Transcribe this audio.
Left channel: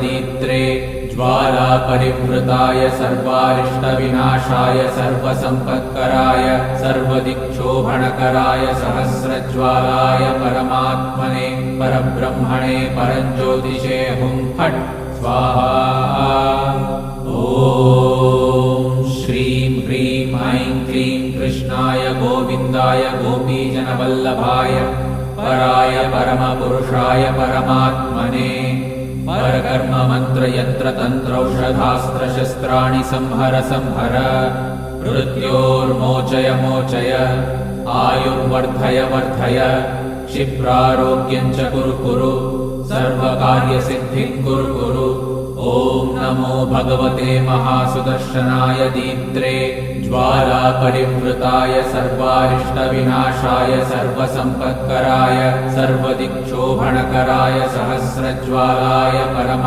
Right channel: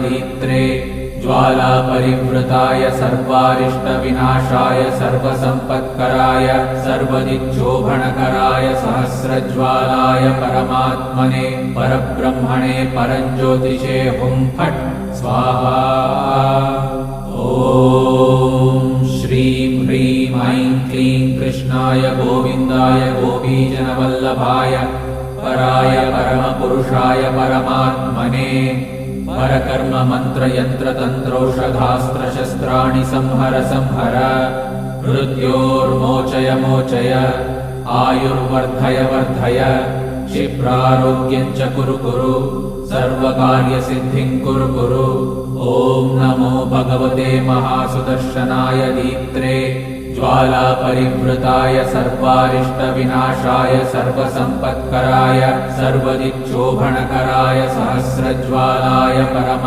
दीत्रे ज्वाला परिवृताय सर्वारिष्टविनाशाय सर्वसम्पत्कराय सर्वदिक्शोभनकराय सहस्रज्वालाय परमात्मने परब्रह्मणे परञ्ज्योतिषे हुं फट् स्वाहा। ॐ श्रीं ह्रीं ऐं क्लीं कृष्णाय गोविन्दाय गोपीजनवल्लभाय पराय परमपुरुषाय परमात्मने परकर्म मंत्र यंत्र तंत्रौषधास्त्र शस्त्राणि संहर संहर मृत्योर्मोचय मोचय आयुर्वर्धय वर्धय क्षिप्रारोग्यं च कुरु कुरु सर्वकार्यसिद्धिं कुरु कुरु। ॐ नमो भगवते महासुदर्शनाय दीत्रे ज्वाला परिवृताय सर्वारिष्टविनाशाय सर्वसम्पत्कराय सर्वदिक्शोभनकराय सहस्रज्वालाय परम